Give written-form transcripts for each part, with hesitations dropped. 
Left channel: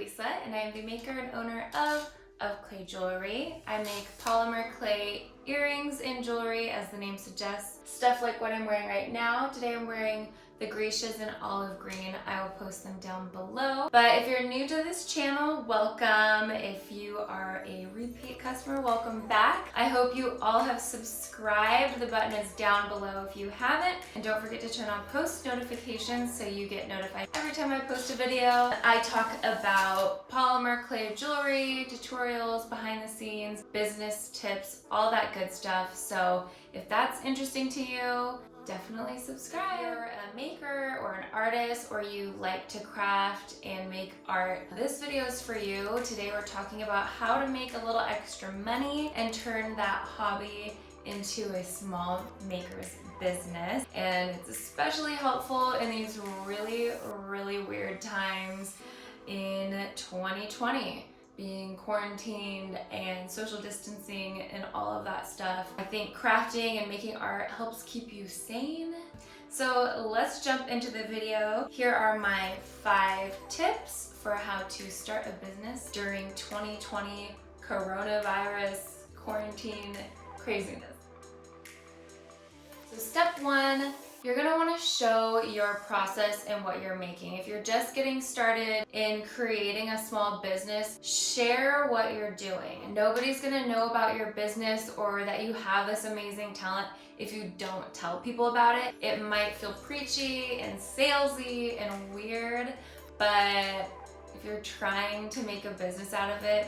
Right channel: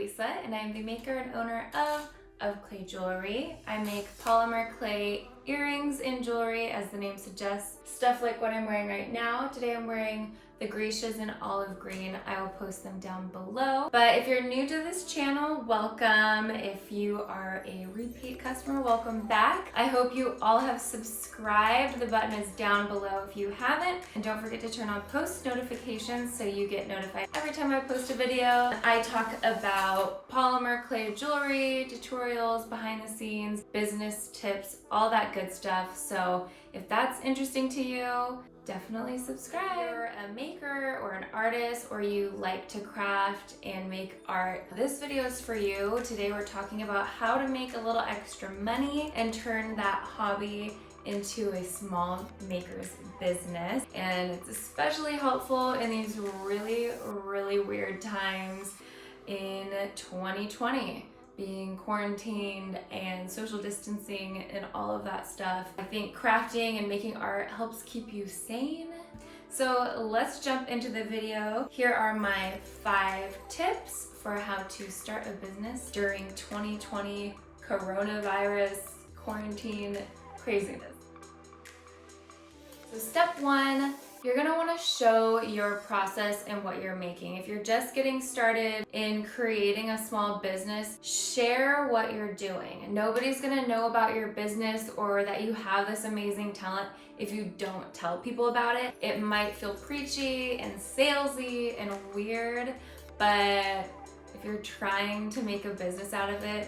Lisa, and I am the maker and owner of Clay Jewelry. I make polymer clay earrings and jewelry, as the name suggests. Stuff like what I'm wearing right now. Today I'm wearing the gracias in olive green. I will post them down below. But if you're new to this channel, welcome. If you are a repeat customer, welcome back. I hope you all have subscribed. The button is down below if you haven't. And don't forget to turn on post notifications so you get notified every time I post a video. I talk about polymer clay jewelry, tutorials, behind the scenes, business tips, all that good stuff. So if that's interesting to you, definitely subscribe. If you're a maker or an artist, or you like to craft and make art, this video is for you. Today we're talking about how to make a little extra money and turn that hobby into a small maker's business. And it's especially helpful in these really weird times in 2020. Being quarantined and social distancing and all of that stuff. I think crafting and making art helps keep you sane. So let's jump into the video. Here are my 5 tips for how to start a business during 2020 coronavirus quarantine craziness. So step 1, you're gonna wanna show your process and what you're making. If you're just getting started in creating a small business, share what you're doing. Nobody's gonna know about your business or that you have this amazing talent if you don't tell people about it. It might feel preachy and salesy and weird, but if you're trying to make a business out of it,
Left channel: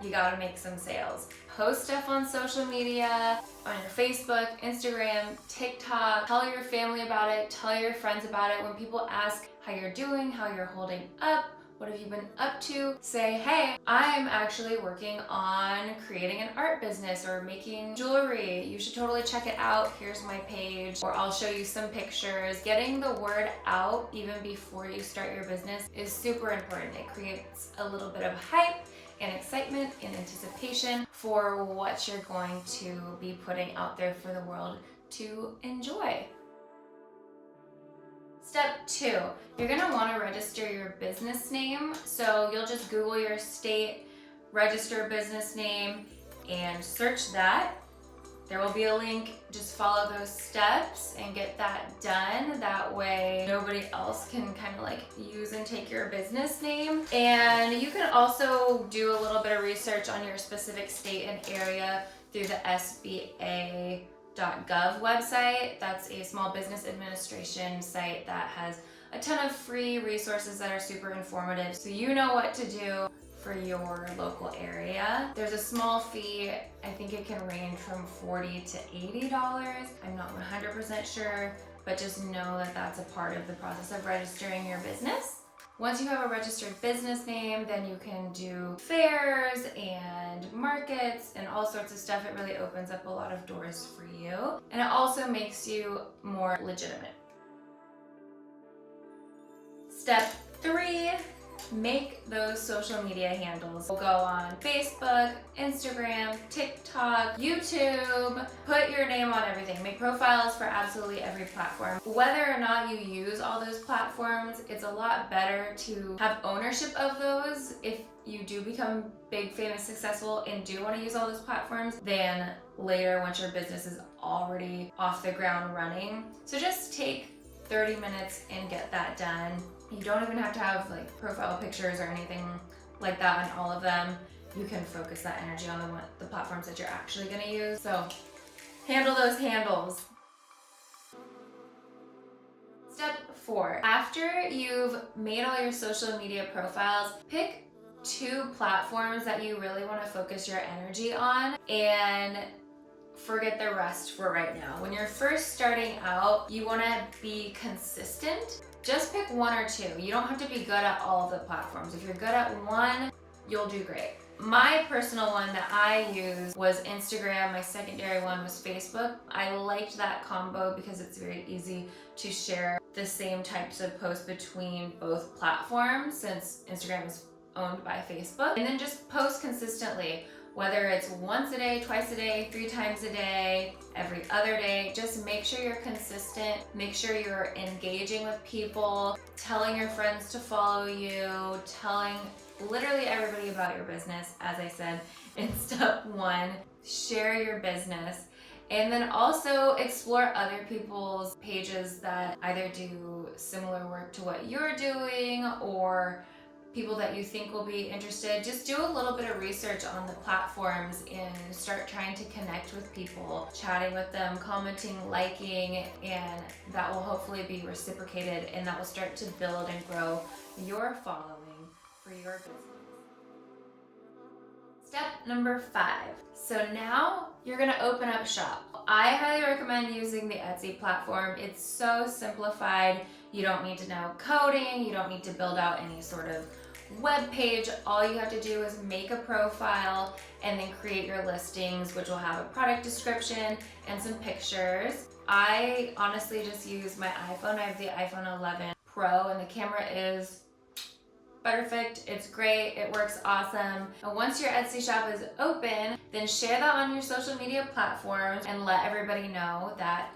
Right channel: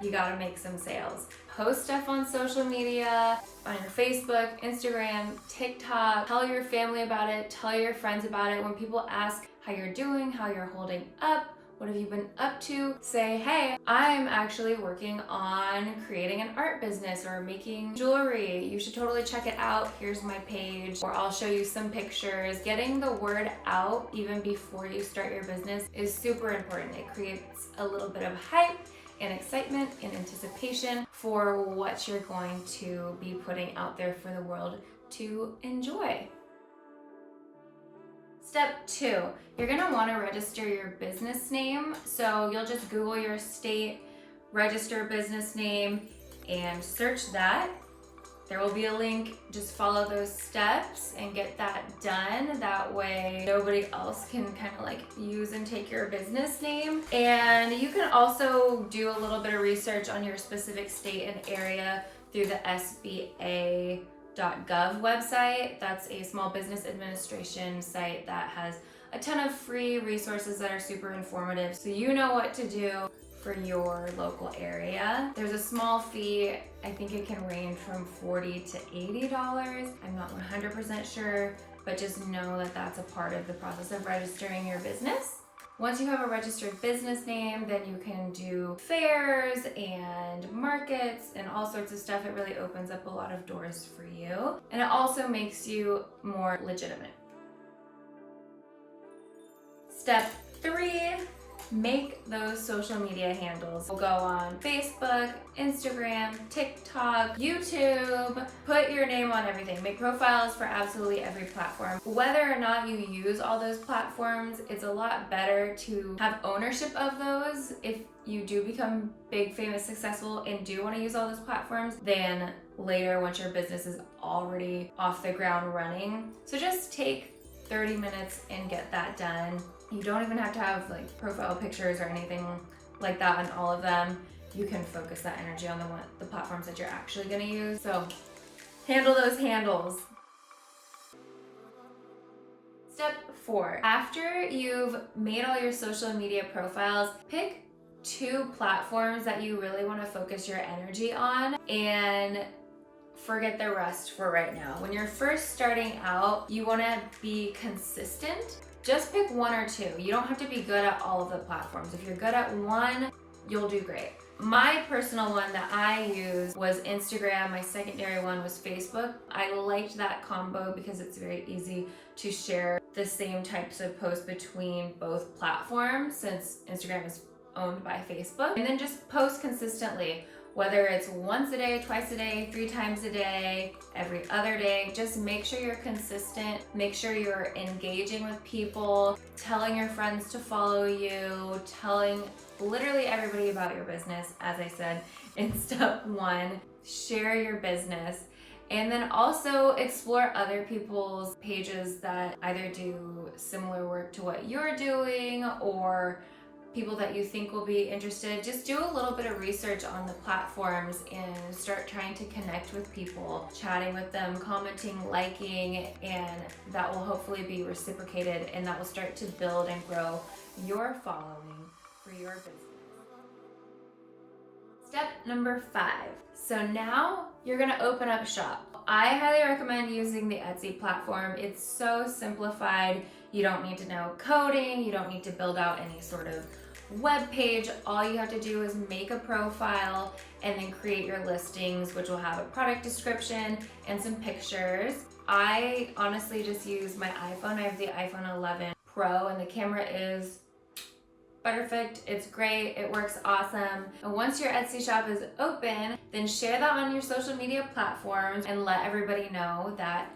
you gotta make some sales. Post stuff on social media, on your Facebook, Instagram, TikTok. Tell your family about it, tell your friends about it. When people ask how you're doing, how you're holding up, what have you been up to, say, hey, I'm actually working on creating an art business or making jewelry. You should totally check it out. Here's my page, or I'll show you some pictures. Getting the word out even before you start your business is super important. It creates a little bit of hype and excitement and anticipation for what you're going to be putting out there for the world to enjoy. Step 2, you're gonna wanna register your business name. So you'll just Google your state, register business name, and search that. There will be a link, just follow those steps and get that done. That way nobody else can kind of like use and take your business name. And you can also do a little bit of research on your specific state and area through the SBA.gov website. That's a small business administration site that has a ton of free resources that are super informative, so you know what to do for your local area. There's a small fee. I think it can range from $40 to $80. I'm not 100% sure, but just know that that's a part of the process of registering your business. Once you have a registered business name, then you can do fairs and markets and all sorts of stuff. It really opens up a lot of doors for you, and it also makes you more legitimate. Step 3, make those social media handles. We'll go on Facebook, Instagram, TikTok, YouTube. Put your name on everything. Make profiles for absolutely every platform. Whether or not you use all those platforms, it's a lot better to have ownership of those if you do become big, famous, successful, and do want to use all those platforms, than later once your business is already off the ground running. So just take 30 minutes and get that done. You don't even have to have like profile pictures or anything like that on all of them. You can focus that energy on the platforms that you're actually gonna use. So handle those handles. Step 4, after you've made all your social media profiles, pick 2 platforms that you really wanna focus your energy on and forget the rest for right now. When you're first starting out, you wanna be consistent. Just pick 1 or 2. You don't have to be good at all of the platforms. If you're good at one, you'll do great. My personal one that I used was Instagram. My secondary one was Facebook. I liked that combo because it's very easy to share the same types of posts between both platforms, since Instagram is owned by Facebook. And then just post consistently, whether it's once a day, twice a day, 3 times a day. every other day. Just make sure you're consistent. Make sure you're engaging with people, telling your friends to follow you, telling literally everybody about your business, as I said in step 1. Share your business. And then also explore other people's pages that either do similar work to what you're doing or people that you think will be interested. Just do a little bit of research on the platforms and start trying to connect with people, chatting with them, commenting, liking, and that will hopefully be reciprocated, and that will start to build and grow your following for your business. Step number 5. So now you're gonna open up shop. I highly recommend using the Etsy platform. It's so simplified. You don't need to know coding. You don't need to build out any sort of web page. All you have to do is make a profile and then create your listings, which will have a product description and some pictures. I honestly just use my iPhone. I have the iPhone 11 Pro and the camera is perfect. It's great. It works awesome. And once your Etsy shop is open, then share that on your social media platforms and let everybody know that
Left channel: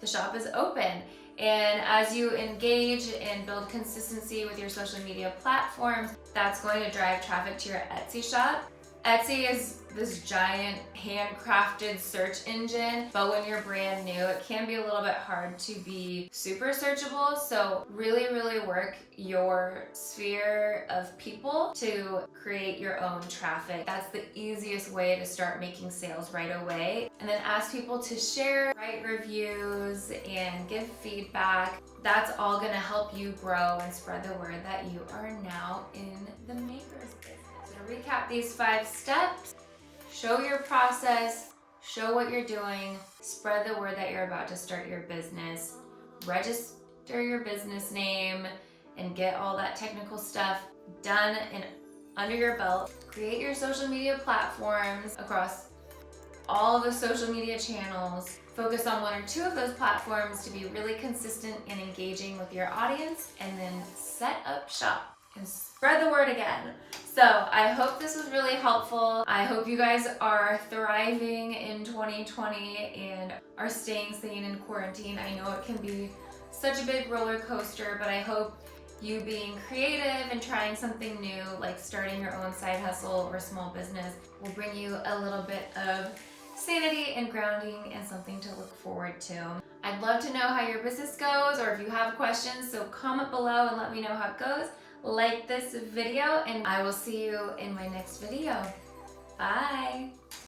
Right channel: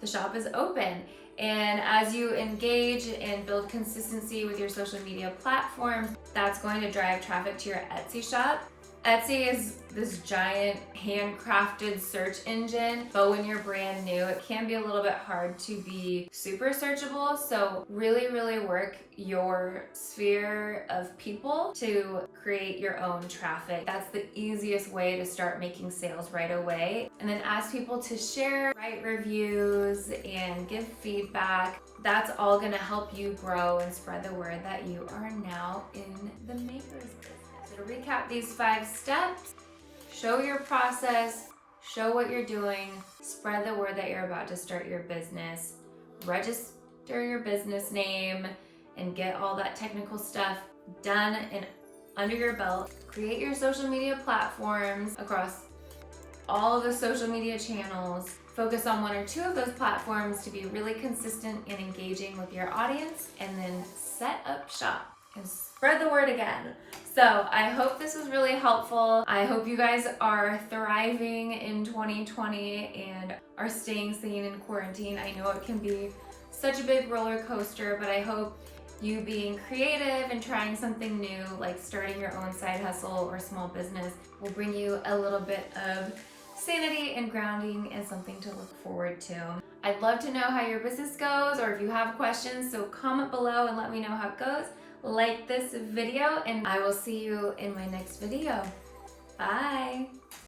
the shop is open. And as you engage and build consistency with your social media platforms, that's going to drive traffic to your Etsy shop. Etsy is this giant handcrafted search engine, but when you're brand new, it can be a little bit hard to be super searchable. So really work your sphere of people to create your own traffic. That's the easiest way to start making sales right away. And then ask people to share, write reviews, and give feedback. That's all gonna help you grow and spread the word that you are now in the maker's business. So to recap these 5 steps, show your process, show what you're doing, spread the word that you're about to start your business, register your business name, and get all that technical stuff done and under your belt. Create your social media platforms across all of the social media channels. Focus on 1 or 2 of those platforms to be really consistent in engaging with your audience, and then set up shop and spread the word again. So I hope this was really helpful. I hope you guys are thriving in 2020 and are staying sane in quarantine. I know it can be such a big roller coaster, but I hope you being creative and trying something new, like starting your own side hustle or small business, will bring you a little bit of sanity and grounding and something to look forward to. I'd love to know how your business goes, or if you have questions, so comment below and let me know how it goes. Like this video, and I will see you in my next video. Bye.